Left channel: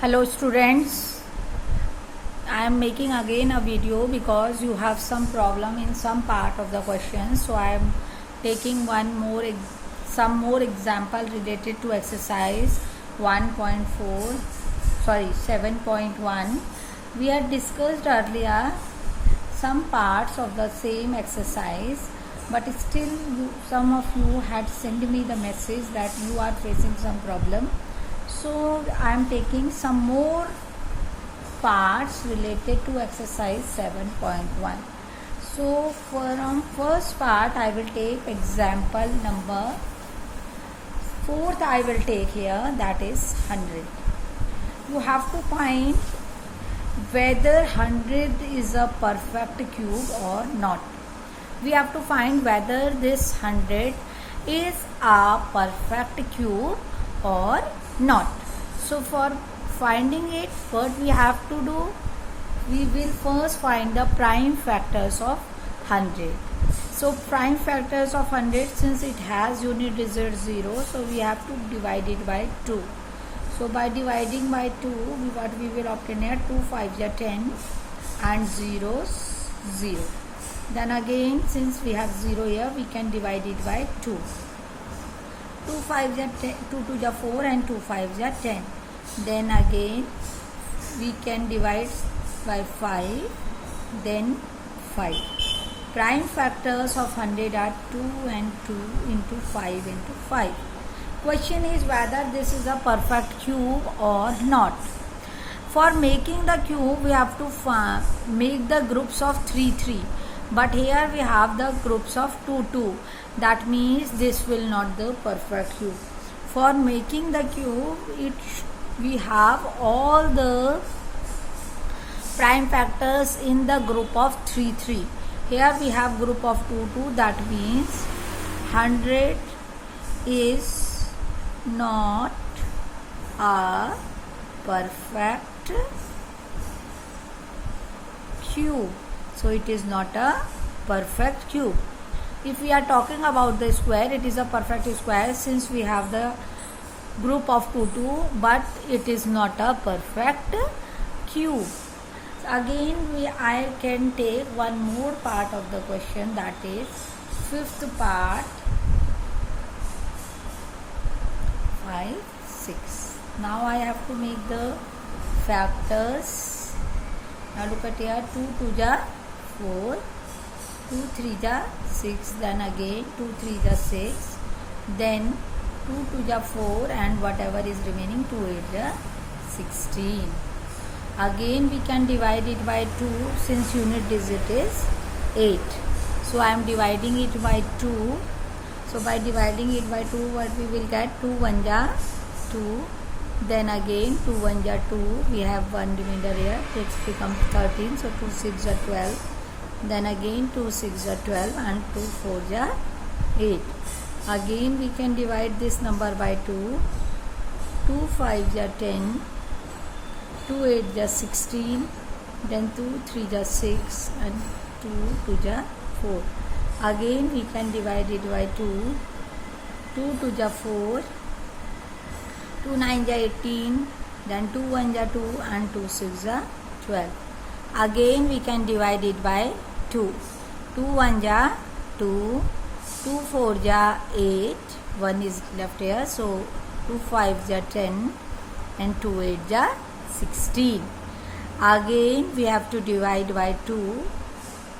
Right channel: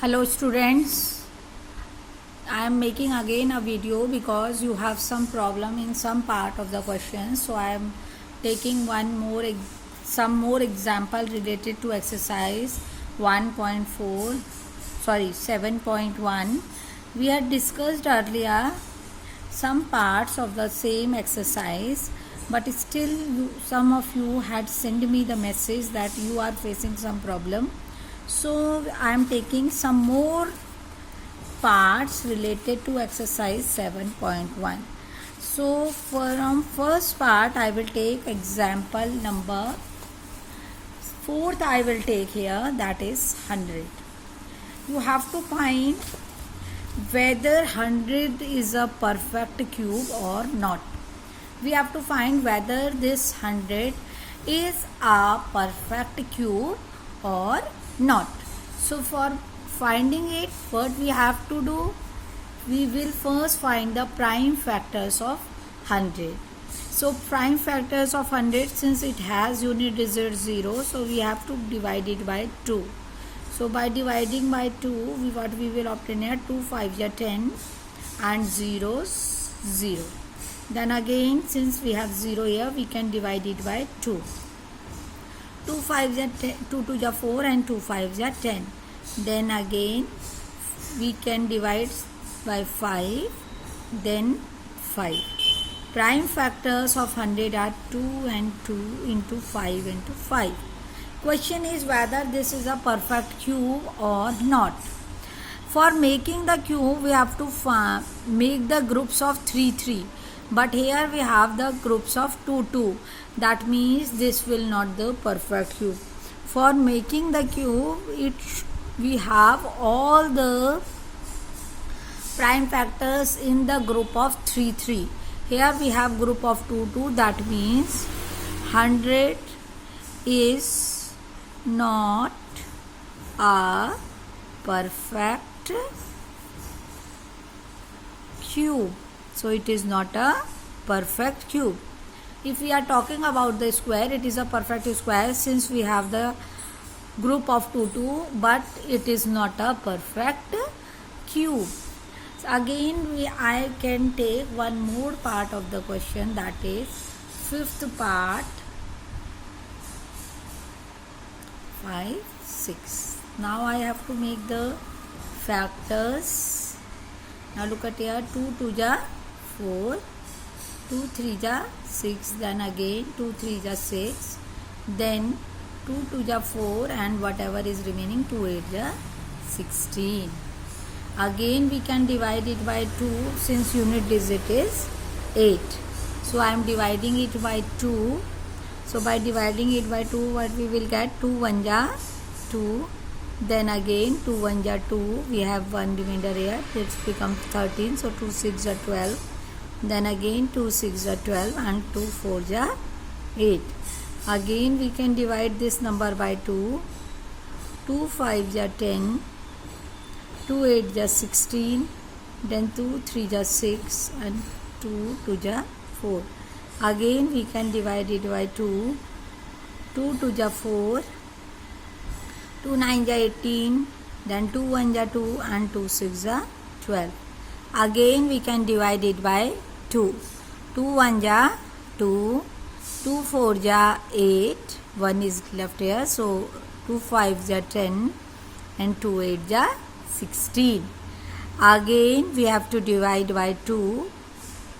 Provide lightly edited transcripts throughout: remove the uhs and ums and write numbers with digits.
Hello students, I am making again a video because you have some problem in some part of the question. So I am taking some more example related to exercise 7.1. We had discussed earlier some parts of the same exercise, but still some of you had sent me the message that you are facing some problem. So I am taking some more parts related to exercise 7.1. So from first part I will take example number 4th I will take here, that is 100. You have to find whether 100 is a perfect cube or not. We have to find whether this 100 is a perfect cube or not. So for finding it, what we have to do, we will first find the prime factors of 100. So prime factors of 100, since it has unit digit 0, so we have to divide it by 2. So by dividing by 2, what we will obtain here, 2 5s are 10 and 0s 0. Then again, since we have 0 here, we can divide it by 2. 2 5s are 10, 2 2s are 4 and 2 5s are 10. Then again we can divide by 5, then 5. Prime factors of 100 are 2 and 2 into 5 into 5. Question is whether this is a perfect cube or not. For making the cube, we have to make the groups of 3 3. But here we have the groups of 2 2. That means this will not the perfect cube. For making the cube, we have all the prime factors in the group of 3 3. Here we have group of 2 2. That means 100 is not a perfect cube. So it is not a perfect cube. If we are talking about the square, it is a perfect square since we have the group of 2 2, but it is not a perfect cube. So again I can take one more part of the question, that is 5th part, 5 6. Now I have to make the factors. Now look at here, 2 2s are 4, 2 3s are 6, then again 2 3s are 6, then 2 2s are 4 and whatever is remaining 2 8s are 16. Again we can divide it by 2 since unit digit is 8. So I am dividing it by 2. So by dividing it by 2, what we will get, 2 1s are 2, then again 2 1s are 2, we have one remainder here, it becomes 13, so 2 6s are 12, then again 2 6s are 12 and 2 4s are 8. Again we can divide this number by 2, 2 5s are 10, 2 8s are 16, then 2 3s are 6 and 2 2s are 4. Again we can divide it by 2, 2 2s are 4, 2 9s are 18, then 2 1s are 2 and 2 6s are 12. Again we can divide it by 2, 2 1s are 2, 2 4s are 8, 1 is left here, so 2 5s are 10 and 2 8s are 16. Again we have to divide by 2,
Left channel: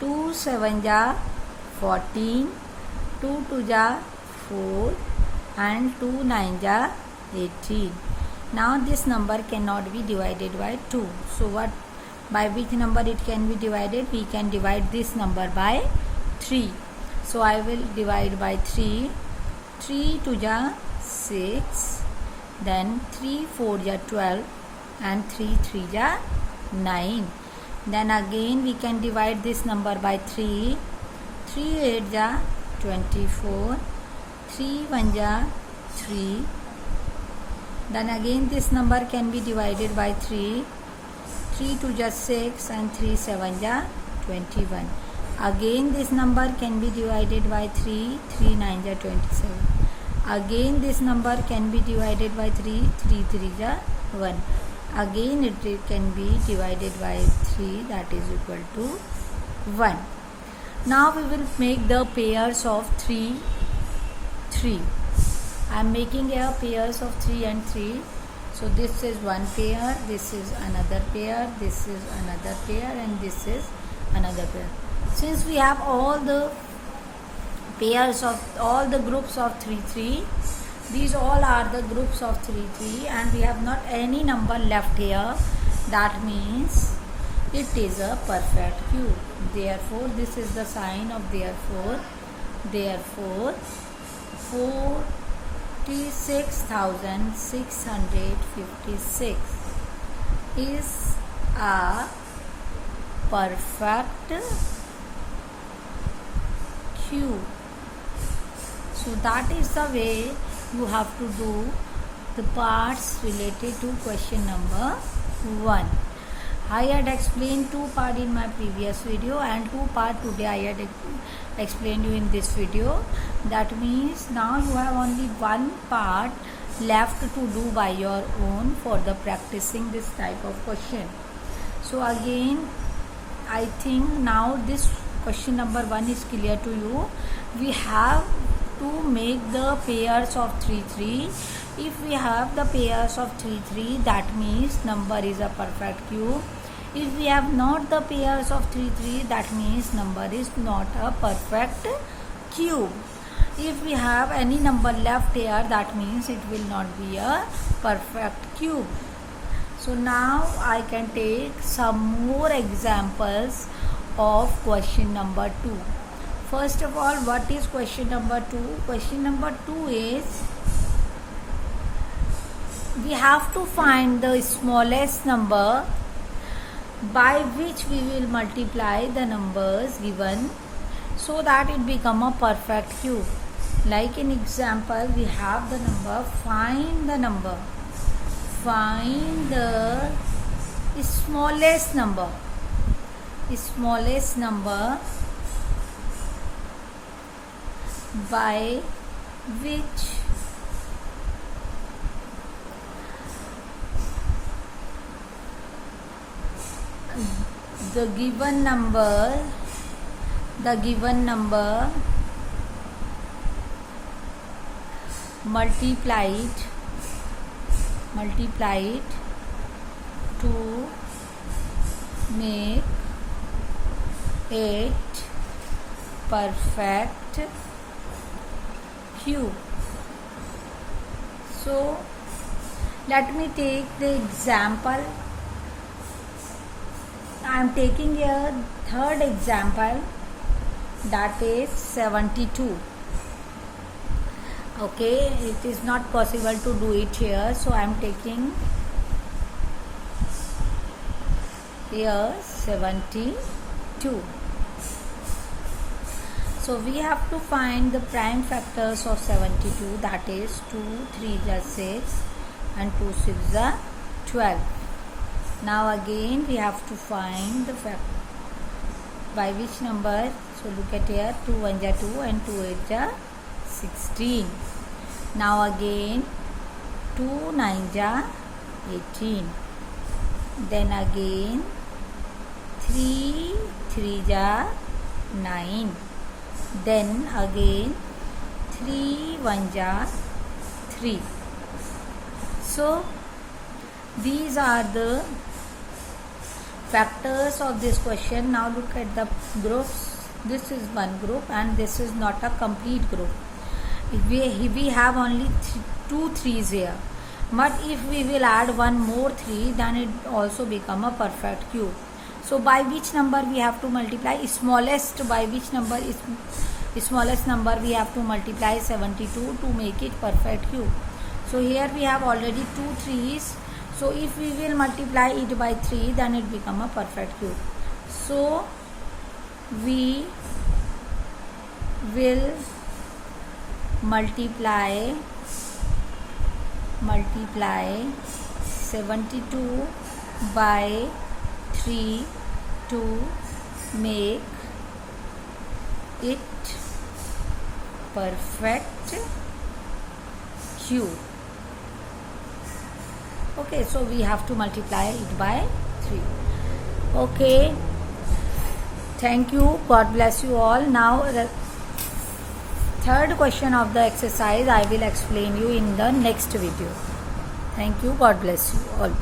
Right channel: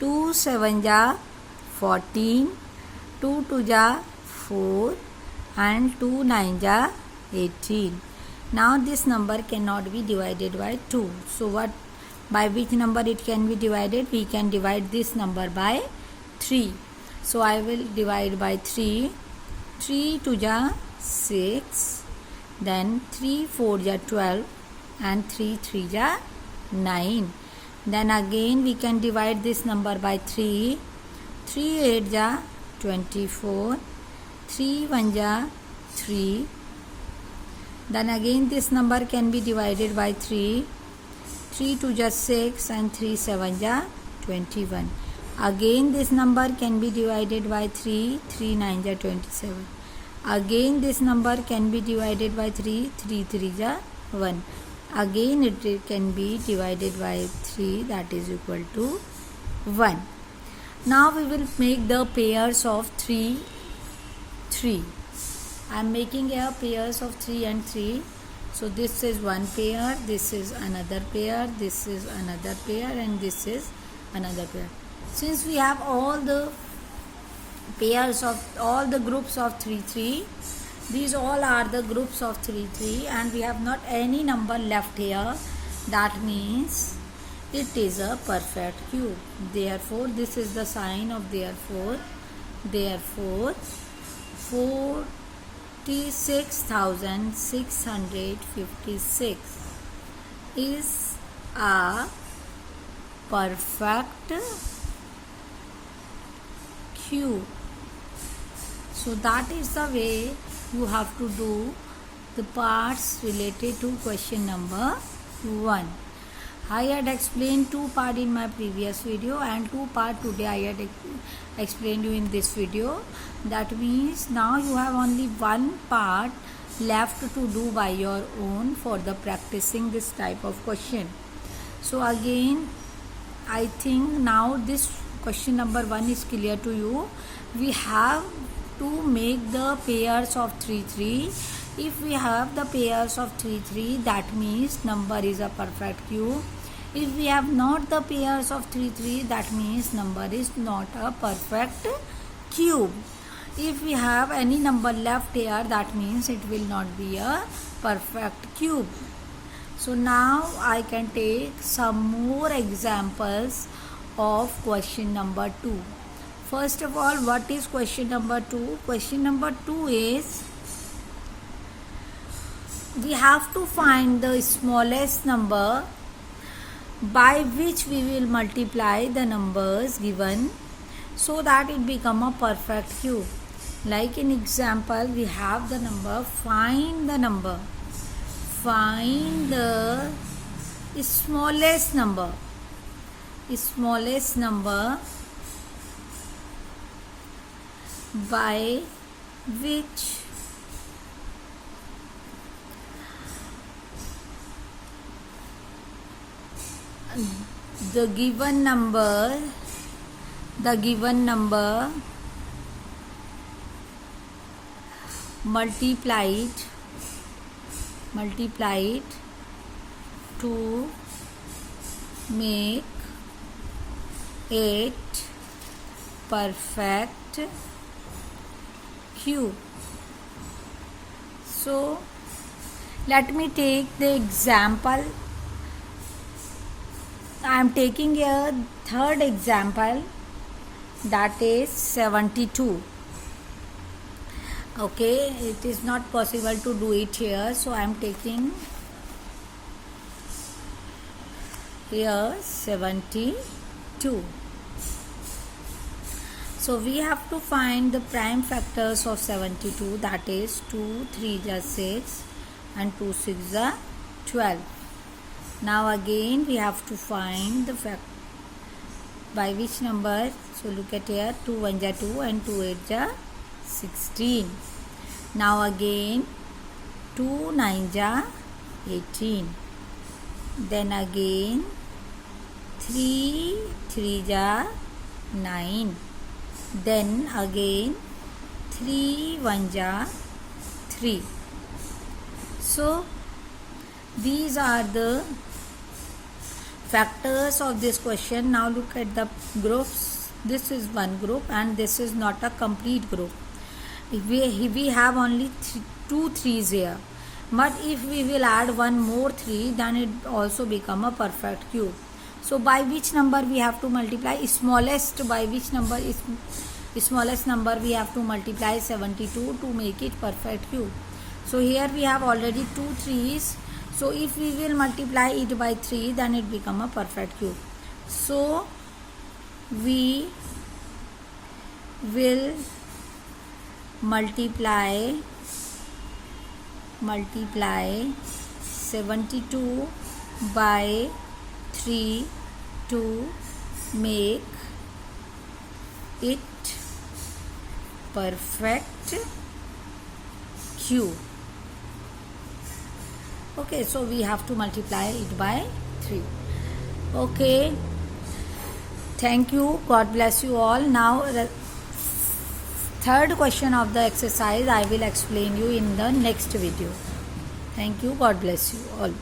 2 7s are 14, 2 2s are 4 and 2 9s are 18. Now this number cannot be divided by 2. So by which number it can be divided? We can divide this number by 3. So I will divide by 3. 3 2s are 6, then 3 4s are 12 and 3 3s are 9. Then again we can divide this number by 3. 3 8s are 24, 3 1s are 3. Then again this number can be divided by 3. 3 2s are 6 and 3 7s are 21. Again this number can be divided by 3. 3 9s are 27. Again this number can be divided by 3. 3 3s are 1. Again it can be divided by 3, that is equal to 1. Now we will make the pairs of 3, 3. I am making a pairs of 3 and 3. So this is one pair, this is another pair, this is another pair, and this is another pair. Since we have all the pairs of all the groups of 3, 3, these all are the groups of 3, 3, and we have not any number left here. That means it is a perfect cube. Therefore, this is the sign of therefore. Therefore, 46,656 is a perfect cube. So that is the way you have to do the parts related to question number 1. I had explained 2 parts in my previous video and 2 parts today I had explained you in this video. That means now you have only 1 part left to do by your own for the practicing this type of question. So again, I think now this question number 1 is clear to you. We have to make the pairs of 3, 3. If we have the pairs of 3, 3, that means number is a perfect cube. If we have not the pairs of 3, 3, that means number is not a perfect cube. If we have any number left here, that means it will not be a perfect cube. So now I can take some more examples of question number 2. First of all, what is question number 2? Question number 2 is we have to find the smallest number by which we will multiply the numbers given so that it become a perfect cube. Like in example, we have the number, find the number. Find the smallest number. Smallest number by which the given number multiplied to make it perfect cube. So let me take the example. I am taking a third example, that is 72. Okay, it is not possible to do it here, so I am taking here 72. So we have to find the prime factors of 72, that is 2, 3 is 6 and 2, 6 is 12. Now again we have to find the fact by which number. So look at here, 2 1 is 2 and 2 8 is 16. Now again 2 9 is 18. Then again 3 3 is 9. Then again 3 1 is 3. So these are the factors of this question. Now look at the groups. This is one group and this is not a complete group. If we have only 2 3s here, but if we will add one more 3, then it also become a perfect cube. So by which number we have to multiply? Smallest by which number is smallest number we have to multiply 72 to make it perfect cube. So here we have already 2 3s. So if we will multiply it by 3, then it become a perfect cube. So we will multiply 72 by 3 to make it perfect cube. Okay, so we have to multiply it by 3. Okay, thank you. God bless you all. Now the third question of the exercise I will explain you in the next video. Thank you. God bless you all.